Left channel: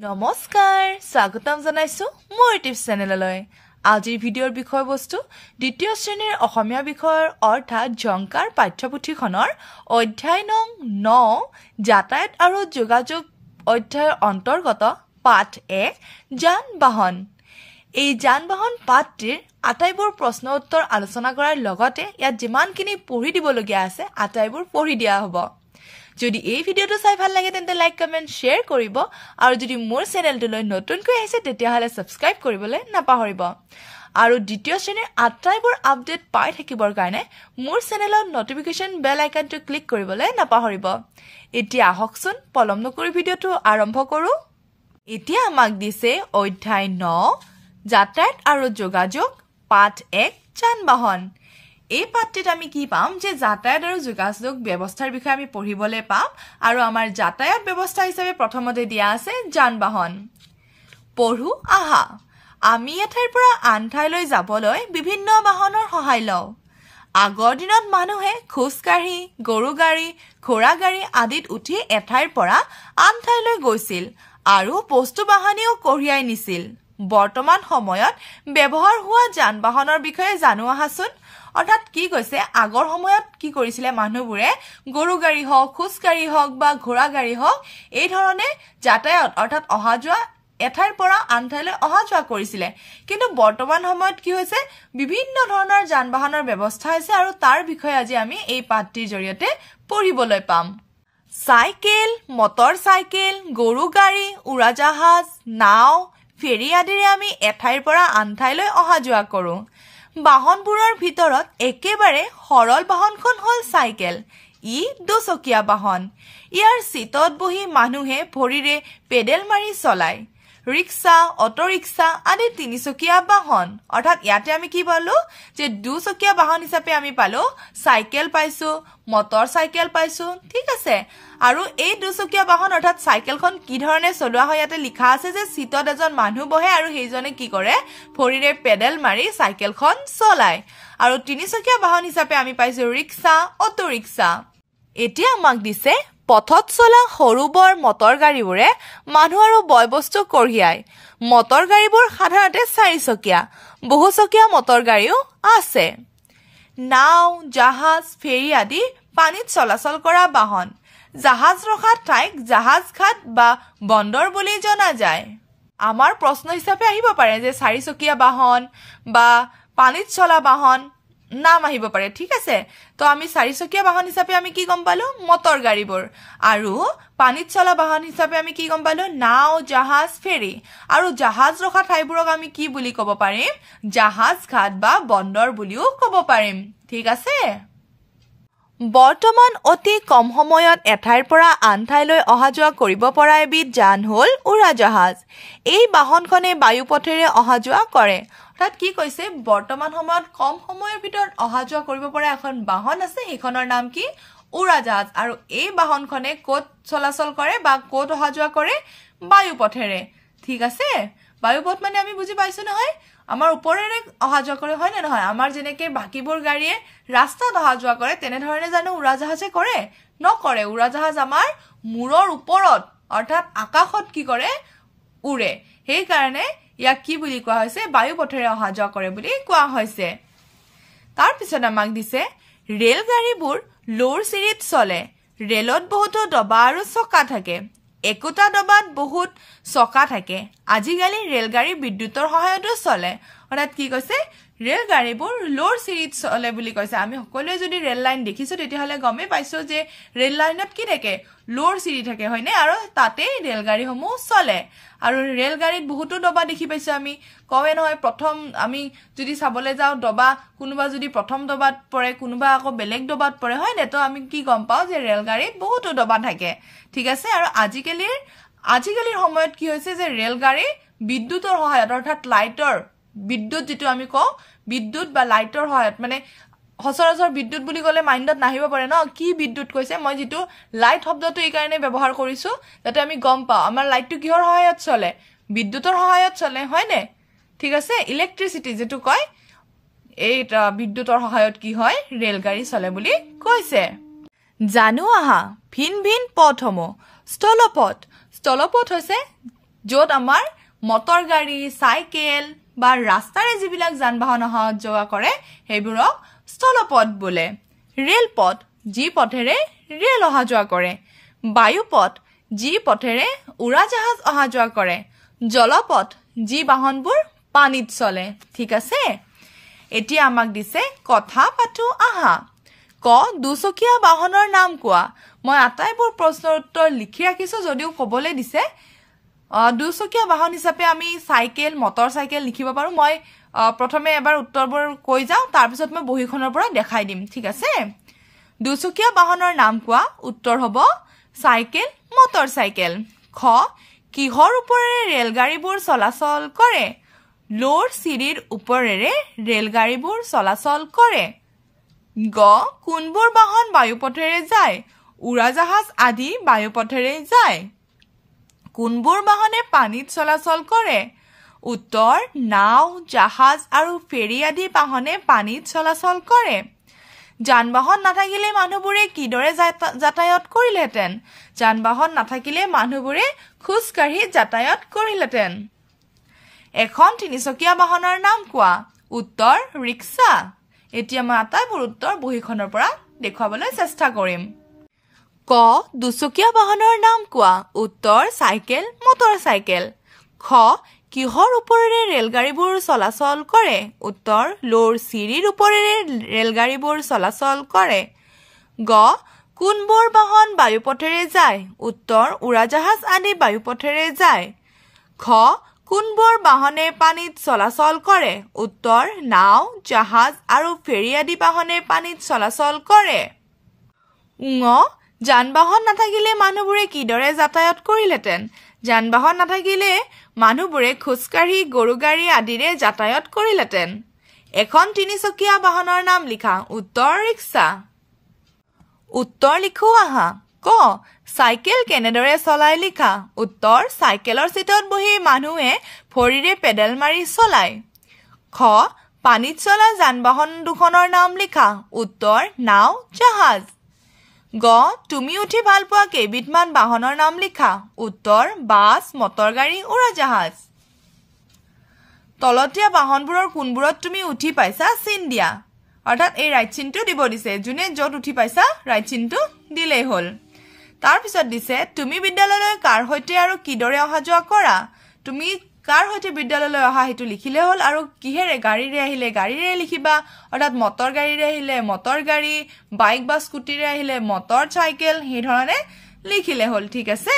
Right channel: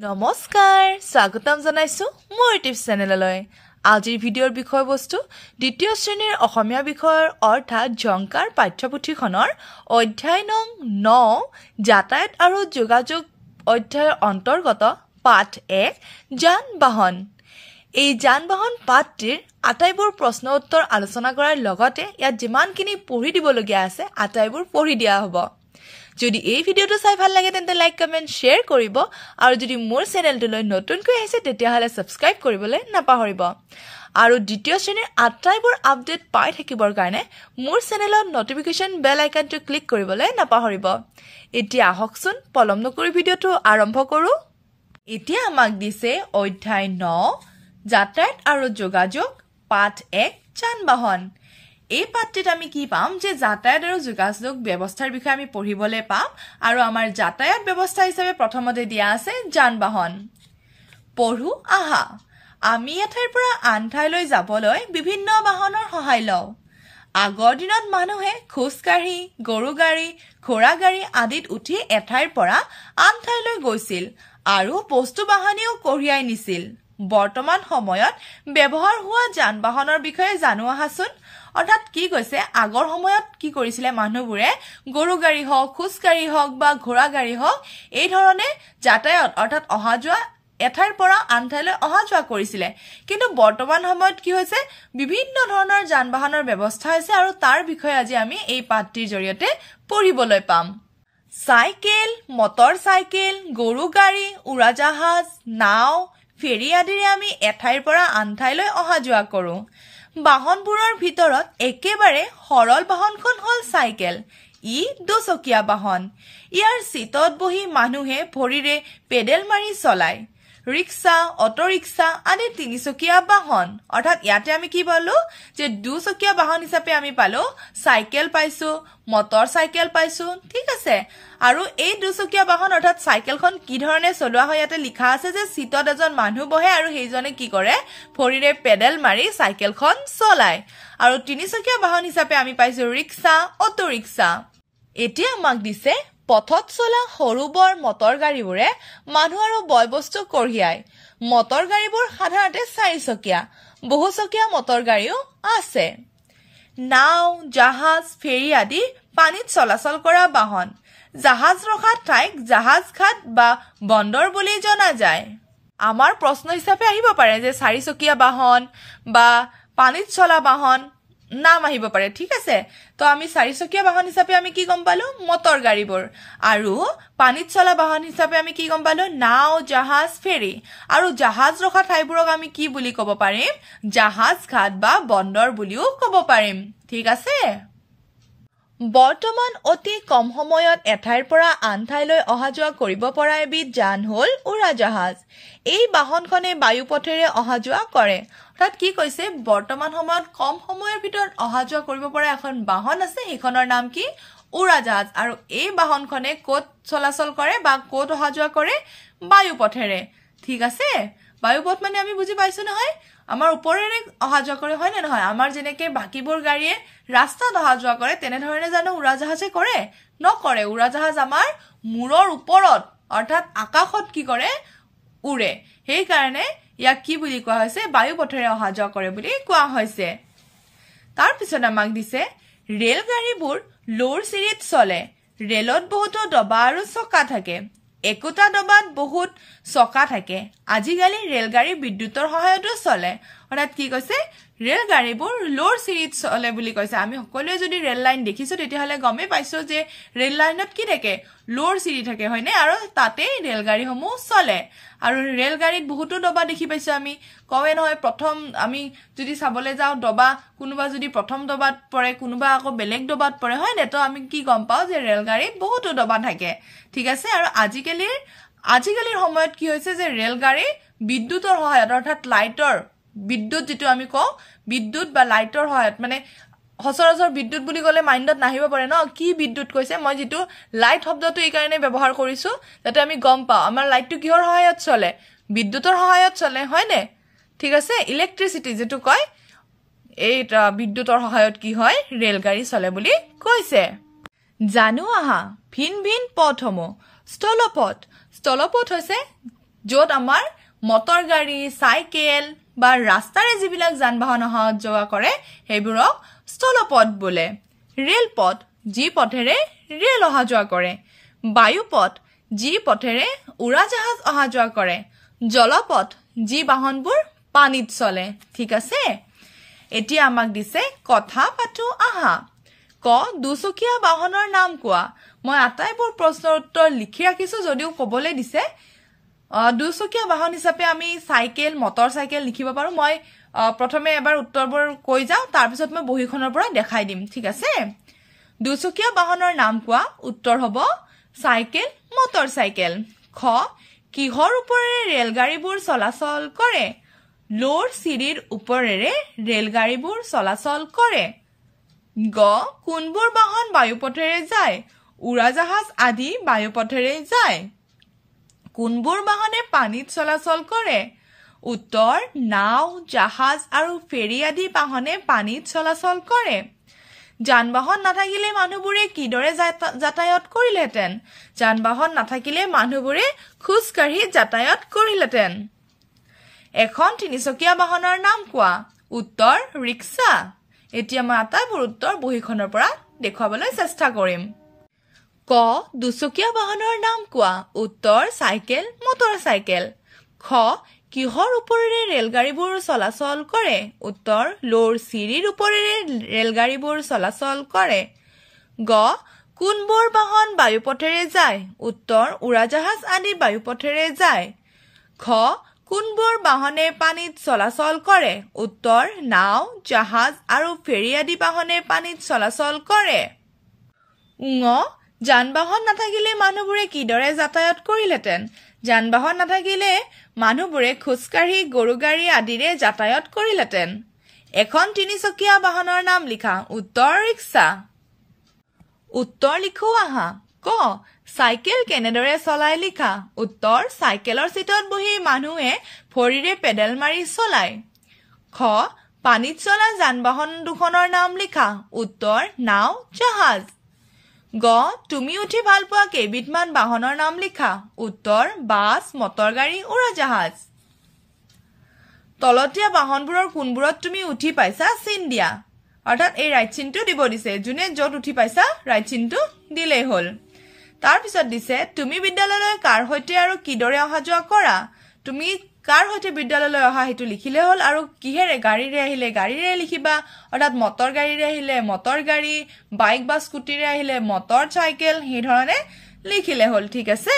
নমস্কাৰ স্বাগতম জনাইছো মোৰ ইউটিউব চেনেললৈ আজিৰ ভিডিঅ'ৰ বিষয়বস্তু দ্বিতীয় শ্ৰেণীৰ অসমীয়া বিষয়ৰ অৰ্থাৎ জংকাৰ পাঠ্যপুথিখনৰ অধ্যায় নং 9 যাতায়াত আৰু যোগাযোগ অধ্যায়ৰ অন্তৰ্গত পাঠ 1 যান-বাহন এই যান-বাহন পাঠটিৰ আটাইবোৰ প্ৰশ্ন উত্তৰ আলোচনা কৰাৰ লগতে ইয়াত যিমানখিনি পঢ়ি দিবলগীয়া আছে আটাইবোৰ পঢ়ি দিয়া হ'ব যদি এই ভিডিওটো চাই ভাল লাগে তেন্তে লাইক কমেন্ট শেয়াৰ কৰিব আৰু যদি মোৰ চেনেলটোলৈ নতুনকৈ আহিছে তেতিয়াহলে সাবস্ক্ৰাইব কৰিবলৈ নাপাহৰিব আৰু দ্বিতীয় শ্ৰেণীৰ আটাইবোৰ আপডেট পাই থাকিবৰ কাৰণে মোৰ চেনেলৰ নটিফিকেশন বেল আইকনটো ক্লিক কৰিবলৈ নাপাহৰিব এতিয়া আহকচোন পলম নকৰি ভিডিওটো আৰম্ভ কৰো এতিয়া আমাক দিছে অধ্যায় 9 যাতায়াত আৰু যোগাযোগ পাঠ 1 যান-বাহন এই পাঠটিত আমি কি পাম যে যাতায়াত আৰু যোগাযোগ ব্যৱস্থাৰ বিষয়ে আমি পঢ়িবলৈ পাম আৰু আমাৰ যাতায়াত ব্যৱস্থা হিচাপে প্ৰথমতে দিয়া আছে যান-বাহন পঢ়ু আহা আমি এঠাইৰ পৰা আন ঠাইলৈ যাবলৈ বিভিন্ন বাহনৰ সহায় লওঁ আগৰ দিনত মানুহে খোজকাঢ়ি গৰু গাড়ী ঘোঁৰা গাড়ী আদিত উঠি এঠাইৰ পৰা আন ঠাইলৈ গৈছিল আৰু বস্তু বাহনীও কঢ়িয়াই নিছিল বৰ্তমান সময়ত ব্যৱহাৰ হোৱা যান-বাহনৰ বিষয়ে জানো আহাচোন অৰ্থাৎ কি কৈছে আগৰ সময়ত কি কৰিছিলে মানুহবোৰে গৰু গাড়ী হওক খোজ গাড়ী হওক বা ঘোঁৰা গাড়ী হওক এই ধৰণে যাতায়াত অৰ্থাৎ অহা যোৱা এঠাইৰ পৰা আন ঠাইলৈ অহা যোৱা কৰিছিলে কিন্তু বৰ্তমান সময়ত কি হৈছে বিভিন্ন ধৰণৰ যান-বাহনৰ ব্যৱস্থা আছে আৰু তাৰ বিষয়ে আজি আমি এই পাঠটিৰ জৰিয়তে পঢ়িবলৈ পাম চাইকেল মটৰ চাইকেল গৰু গাড়ী উৰাজাহাজ নাও ফেৰী আদিৰে আমি এঠাইৰ পৰা আন ঠাইলৈ অহা যোৱা কৰো বাহনবোৰৰ ভিতৰত একেবাৰে সৰল বাহনখন হল চাইকেল ই দুচকীয়া বাহন ইয়াৰ সিটত বহি মানুহে ভৰিৰে পেডেল মাৰি চলায় ৰিক্সা অটো ৰিক্সা আদি তিনিচকীয়া বাহন অৰ্থাৎ ইয়াতে আমি কি পালো যে দুচকীয়া বাহন হিচাপে আমি পালো চাইকেল পাইছো মটৰ চাইকেল পাইছো ঠিক আছে আৰু এই দুচকীয়া বাহন অৰ্থাৎ চাইকেলখন কি ধৰণে চলোৱা হয় ইয়াতে লিখা আছে যে সিটত এজন মানুহ বহে আৰু সেইজনে কি কৰে ভৰিৰে পেডেল মাৰি চাইকেলখন চলায় আৰু তিনিচকীয়া বাহন হিচাপে আমি পাইছো ৰিক্সা অটো ৰিক্সা এতিয়া আমাক দিছে পথত চলা সৰু বৰ মটৰ গাড়ীবোৰে মানুহ আৰু বয়বস্তু কঢ়িয়ায় মটৰ গাড়ীবোৰ সাধাৰণতে চাৰিচকীয়া বহুচকীয়া মটৰ গাড়ীও আছে নাও জাহাজ ফেৰী আদি পানীত চলাচল কৰা বাহন জাহাজ ৰখা ঠাইক জাহাজ ঘাট বা বন্দৰ বুলি জনা যায় আমাৰ প্ৰশ্ন হিচাপে আহিব পাৰে যে চাৰিচকীয়া বাহন বা পানীত চলা বাহন নাম আহিব পাৰে ঠিক আছে তো আমি চাৰিচকীয়া বাহন হিচাপে আমি কি গম পালো মটৰ গাড়ীবোৰ আৰু পানীত চলা বাহন হিচাপে আমি কি গম পালো নাও জাহাজ ফেৰী আৰু জাহাজ ৰখা ঠাইবোৰক আমি কি বুলি ক'ব পাৰিম জাহাজ ঘাট বা বন্দৰ বুলিও ক'ব পাৰিম ঠিক আছে বৰ্তমান অতি কম সময়ত এঠাইৰ পৰা আন ঠাইলৈ অহা যোৱা কৰিব পৰা এবিধ যান হল উৰাজাহাজ এই বাহনখনে বায়ু পথেৰে অহা যোৱা কৰে অৰ্থাৎ কি কৈছে বৰ্তমান সময়ত কম সময়ৰ ভিতৰত অহা যোৱা কৰিব পৰা এখন বাহন আছে সেইখনৰ নাম কি উৰাজাহাজ আৰু এই বাহনখনে ক'ত চলাচল কৰে বা ক'ত অহা যোৱা কৰে বায়ু পথেৰে ঠিক আছে বায়ু পথ মানে আমি বুজি পাইছো নহয় আমাৰ ওপৰেৰে অহা যোৱা কৰে হয় নে নহয় আমাৰ যেনেকে বাকিবোৰ গাড়ীয়ে ৰাস্তাত অহা যোৱা কৰে তেনেধৰণে জানো উৰাজাহাজে কৰে নকৰে উৰাজাহাজ আমাৰ মূৰৰ ওপৰত অৰ্থাৎ আকাশত কি কৰে উৰে সেইকাৰণে ইয়াক কি বুলি কোৱা হৈছে বায়ু পথেৰে অহা যোৱা কৰে বুলি কোৱা হৈছে তাৰ পিছত আমাক দিছে ৰেল গাড়ীবোৰ লোৰ চিৰিত চলে ৰেলত বহুতো ডবা আৰু চকা থাকে একোটা ডবাত বহুত চকা থাকে আজিকালি ৰেলগাড়ী বিদ্যুতৰ সহায়তো চলে অৰ্থাৎ কি কৈছে ৰেল গাড়ীবোৰ লোৰ চিৰিত চলে বুলি কৈছে আমি সকলোৱে যদি ৰেল লাইন দেখিছো তেতিয়াহলে গমে পাইছো যে ৰেল লাইনত কি থাকে লোৰ চিৰি থাকে হয়নে আৰু তাতে ৰেল গাড়ীসমূহ চলে আৰু ৰেল গাড়ীত বহুতো ডবা দেখি পাইছো আমি কমে নহয় প্ৰথম আমি যদি চাবলৈ যাওঁ ডবা কোনোবা যদি প্ৰথম ডবাত পৰে কোনোবা আকৌ বেলেগ ডবাত পৰে হয় নে তো আমি কি গম পাও যে ৰেল গাড়ীত বহুতো ডবা থাকে ঠিক আছে আৰু আজিকালিৰ সময়ত কি হৈছে যে ৰেল গাড়ী বিদ্যুতৰ সহায়ত অৰ্থাৎ লাইটৰ বিদ্যুৎ যেটো আমি কওঁ বিদ্যুৎ বা লাইটৰ সহায়ত মানে সচৰাচৰ বিদ্যুৎ বুলি ক'লে মাইণ্ডত নাহিব পাৰে ন কি বিদ্যুৎ কৈছে মই যেটো লাইট শব্দটো এই কাৰণে ব্যৱহাৰ কৰিছো যাতে আমি গম পাওঁ আমাৰ লাইটটো কিহৰ সহায়ত চলে বিদ্যুতৰ সহায়ত চলে হয় নে ঠিক আছে ইলেক্ট্ৰিচিটি যেটো কয় এইটা বিদ্যুতৰ সহায়ত কি হয় ৰেল গাড়ী চলে বুলি কৈছে জানো আহা ভিন ভিন পথসমূহ স্থলপথ হৈছে য'ত আমাৰ মটৰ গাড়ী চাইকেল বা ৰাস্তাৰে যিবিলাক যান বাহন অহা যোৱা কৰে সেইবোৰক স্থলপথ বোলে ৰেলপথ যি পথেৰে ৰেল অহা যোৱা কৰে বায়ুপথ যি পথেৰে উৰাজাহাজ অহা যোৱা কৰে জলপথ যি বাহনবোৰ পানীত চলে ঠিক আছে এতিয়া আমাক দিছে কথা পাতো আহা ক দুচকীয়া বাহনৰ নাম কোৱা মই আটাইবোৰ প্ৰশ্নৰ উত্তৰ লিখি ৰাখিছো যদিও ক'বলৈ দিছে দুচকীয়া বাহন হিচাপে আমি সাইকেল মটৰ সাইকেল লিখিব পাৰো মই প্ৰথমে এবাৰ উত্তৰবোৰ কৈ যাওঁ তাৰ পিছত মই বহিখনৰ পৰা দেখাই দিম ঠিক আছে দুচকীয়া বাহনৰ নাম কোৱা উত্তৰ হ'ব সাইকেল মটৰ সাইকেল খ কিহৰ ওপৰেৰে ৰেলগাড়ীবোৰ চলাচল কৰে লোৰ চিৰিৰ ওপৰেৰে ৰেলগাড়ীবোৰ চলাচল কৰে গ কোনবোৰ বাহন বায়ুপথেৰে যায় উৰাজাহাজ আদি বায়ুপথেৰে যায় কোনবোৰ বাহনে পানীত চলাচল কৰে উত্তৰ নাও জাহাজ আৰু ফেৰী আদি বাহনে পানীত চলাচল কৰে যান বাহন নাথাকিলে মানুহবোৰে কিদৰে যাতায়াত কৰিলেহেঁতেন যান বাহন নাথাকিলে মানুহবোৰে খোজ কাঢ়ি যাতায়াত কৰিলেহেঁতেন এখন তিনিচকীয়া বাহনৰ নাম কোৱা উত্তৰ ৰিক্সা এতিয়া মই আটাইবোৰ উত্তৰ বহিখনৰ পৰা দেখুৱাবলৈ চেষ্টা কৰিম ক দুচকীয়া বাহনৰ নাম কোৱা উত্তৰ সাইকেল মটৰ সাইকেল খ কিহৰ ওপৰেৰে ৰেলগাড়ীবোৰ চলাচল কৰে উত্তৰ লোৰ চিৰিৰ ওপৰেৰে ৰেলগাড়ীবোৰ চলাচল কৰে গ কোনবোৰ বাহন বায়ুপথেৰে যায় উত্তৰ উৰাজাহাজ আদি বায়ুপথেৰে যায় খ কোনবোৰ বাহনে পানীত চলাচল কৰে উত্তৰ নাও জাহাজ আৰু ফেৰী আদি বাহনে পানীত চলাচল কৰে ঙ যান বাহন নাথাকিলে মানুহবোৰে কিদৰে যাতায়াত কৰিলেহেঁতেন যান বাহন নাথাকিলে মানুহবোৰে খোজকাঢ়ি গৰু গাড়ী আদিৰে যাতায়াত কৰিলেহেঁতেন এখন তিনিচকীয়া বাহনৰ নাম লিখা উত্তৰ ৰিক্সা উত্তৰ লিখো আহা ক সাইকেল কেনেদৰে চলাই লিখা উত্তৰ সাইকেলৰ সিটত বহি মানুহে ভৰিৰে পেডেল মাৰি চলায় খ পানীত চলা যান বাহন দুখনৰ নাম লিখা উত্তৰ নাও জাহাজ গ তুমি উঠি ভাল পোৱা কেইবিধমান বাহনৰ নাম লিখা উত্তৰ বাছ মটৰ গাড়ী উৰাজাহাজ তলতীয়া বাহনবোৰৰ কোনবোৰত তুমি উঠি পাইছা চিন দিয়া অৰ্থাৎ এই ৰাইট চিনটো দিব দিছে যোনে য'ত উঠি পাইছা ৰাইট চিনটো দিলেই হ'ল তাৰ পিছত দিছে তুমি বিদ্যালয়লৈ কাৰ হৈতে আৰু কিদৰে অহা যোৱা কৰা তুমি কাৰ হৈতে বিদ্যালয়লৈ অহা হেতু লিখিলে হ'ল আৰু কিহেৰে গাড়ীৰে আহিলে গাড়ীৰে লিখিবা অৰ্থাৎ মটৰ গাড়ীৰে আহিলে মটৰ গাড়ী বাইক বা স্কুটিৰে আহিলে মটৰ সাইকেল হে ধৰণে লিখিলে হ'ল ঠিক আছে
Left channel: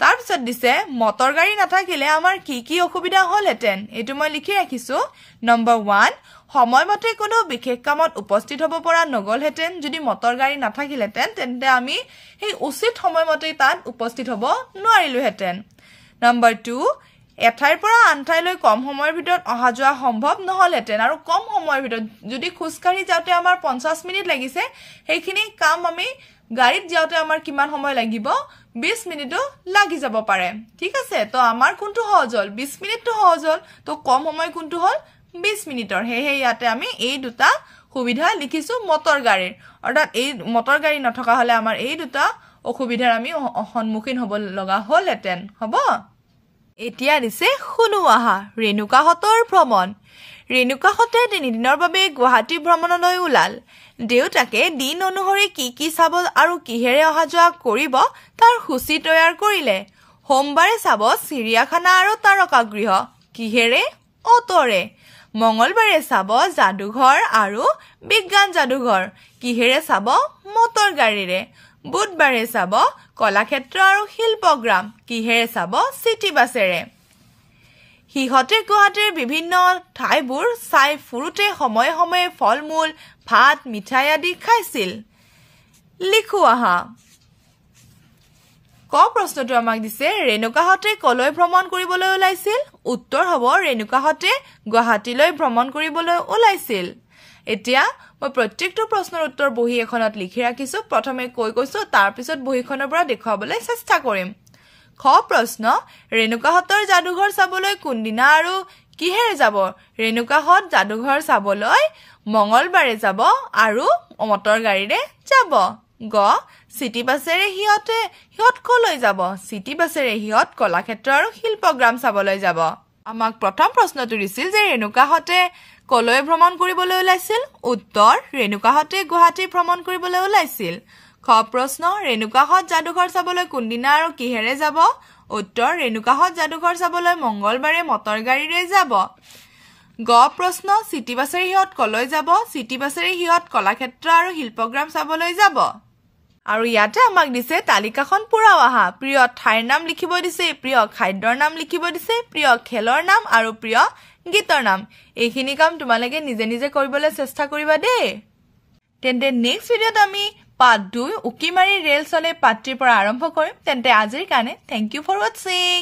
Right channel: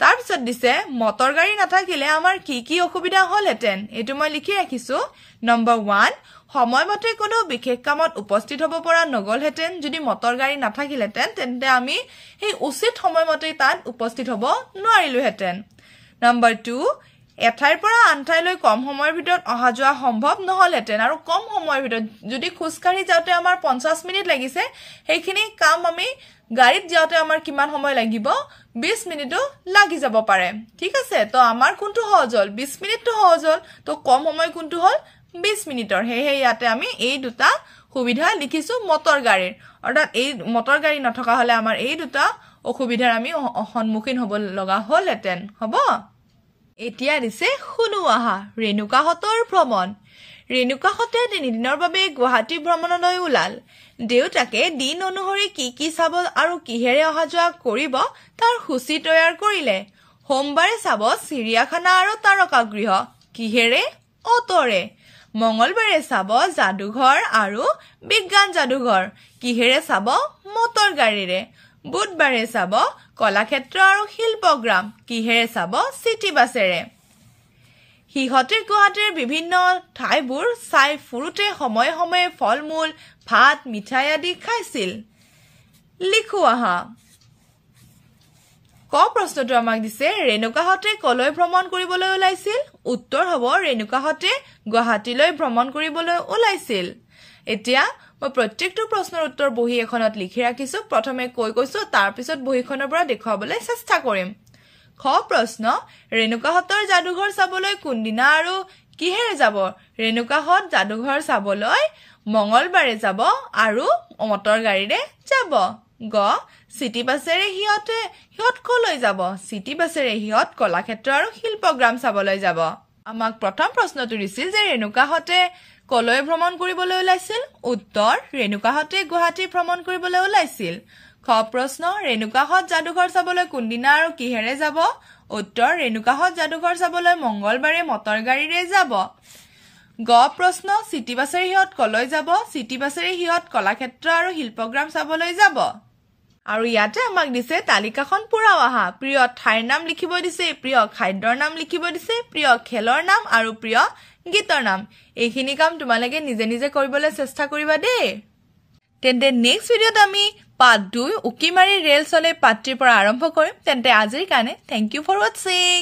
তাৰ পিছত দিছে মটৰ গাড়ী নাথাকিলে আমাৰ কি অসুবিধা হ'লহেঁতেন এটো মই লিখি ৰাখিছো নম্বৰ 1 সময়মতে কোনো বিশেষ কামত উপস্থিত হ'ব পৰা নগলহেঁতেন যদি মটৰ গাড়ী নাথাকিলেহেঁতেন তেন্তে আমি এই উচিত সময়মতে তাত উপস্থিত হ'ব নোৱাৰিলোহেঁতেন নম্বৰ 2 এঠাইৰ পৰা আন ঠাইলৈ কম সময়ৰ ভিতৰত অহা যোৱা সম্ভৱ নহলহেঁতেন আৰু কম সময়ৰ ভিতৰত যদি খোজকাঢ়ি যাওঁতে আমাৰ 50 মিনিট লাগিছে সেইখিনি কাম আমি গাড়ীত যাওঁতে আমাৰ কিমান সময় লাগিব 20 মিনিটো লাগি যাব পাৰে ঠিক আছে তো আমাৰ কোনটো সহজ হ'ল 20 মিনিটটো সহজ হ'ল তো কম সময় কোনটো হ'ল 20 মিনিটৰ হেহে ইয়াতে আমি এই দুটা সুবিধা লিখিছো মটৰ গাড়ীৰ অৰ্থাৎ এই মটৰ গাড়ী নথকা হলে আমাৰ এই দুটা অসুবিধাৰ আমি সন্মুখীন হ'ব লগা হ'লহেঁতেন হ'ব এতিয়া দিছে শুনো আহা ৰেণুকাহঁতৰ ভ্ৰমণ ৰেণুকাহঁতে 3 দিনৰ বাবে গুৱাহাটী ভ্ৰমণলৈ ওলাল দেউতাকে দিন অনুসৰি কি চাব আৰু কিহেৰে অহা যোৱা কৰিব তাৰ সূচী তৈয়াৰ কৰিলে সোমবাৰে চাব চিৰিয়াখানা আৰু তাৰকাগৃহ কিহেৰে অটৰে মঙ্গলবাৰে চাব যাদুঘৰ আৰু বিজ্ঞান যাদুঘৰ কিহেৰে চাব মটৰ গাড়ীৰে বুধবাৰে চাব কলাক্ষেত্ৰ আৰু শিল্পগ্ৰাম কিহেৰে চাব চিটি বাছেৰে হিহতে গুৱাহাটীৰ বিভিন্ন ঠাইবোৰ চাই ফুৰুতে সময়ে সময়ে ফলমূল ভাত মিঠাই আদি খাইছিল লিখো আহা ক প্ৰশ্নটো আমাক দিছে ৰেণুকাহঁতে কলৈ ভ্ৰমণ কৰিবলৈ ওলাইছিল উত্তৰ হ'ব ৰেণুকাহঁতে গুৱাহাটীলৈ ভ্ৰমণ কৰিবলৈ ওলাইছিল এতিয়া মই প্ৰত্যেকটো প্ৰশ্নৰ উত্তৰ বহি এখনত লিখি ৰাখিছো প্ৰথমে কৈছো তাৰ পিছত বহিখনৰ পৰা দেখুৱাবলৈ চেষ্টা কৰিম খ প্ৰশ্ন ৰেণুকাহঁতৰ যাদুঘৰ চাবলৈ কোনদিনা আৰু কিহেৰে যাব ৰেণুকাহঁত যাদুঘৰ চাবলৈ মঙ্গলবাৰে যাব আৰু মটৰ গাড়ীৰে যাব গ চিটি বাছেৰে সিহঁত কলৈ যাব চিটি বাছেৰে সিহঁত কলাক্ষেত্ৰ আৰু শিল্পগ্ৰাম চাবলৈ যাব আমাক প্ৰথম প্ৰশ্নটো দিছিল যে ৰেণুকাহঁতে কলৈ ভ্ৰমণ কৰিবলৈ ওলাইছিল উত্তৰ ৰেণুকাহঁতে গুৱাহাটী ভ্ৰমণ কৰিবলৈ ওলাইছিল খ প্ৰশ্ন ৰেণুকাহঁত যাদুঘৰ চাবলৈ কোনদিনা আৰু কিহেৰে যাব উত্তৰ ৰেণুকাহঁত যাদুঘৰ চাবলৈ মঙ্গলবাৰে মটৰ গাড়ীৰে যাব গ প্ৰশ্ন চিটি বাছেৰে সিহঁত কলৈ যাব চিটি বাছেৰে সিহঁত কলাক্ষেত্ৰ আৰু শিল্পগ্ৰাম চাবলৈ যাব আৰু ইয়াতে আমাক দিছে তালিকাখন পুৰাও আহা প্ৰিয় ঠাইৰ নাম লিখিব দিছে প্ৰিয় খাদ্যৰ নাম লিখিব দিছে প্ৰিয় খেলৰ নাম আৰু প্ৰিয় গীতৰ নাম এইখিনি কাম তোমালোকে নিজে নিজে কৰিবলৈ চেষ্টা কৰিবা দেই তেন্তে নেক্সট ভিডিঅ'ত আমি পাৰ্ট 2 উকিমাৰী ৰেল চলে পাৰ্ট 3 পৰা আৰম্ভ কৰিম তেন্তে আজিৰ কাৰণে থ্যাংক ইউ ফৰ ওয়াচিং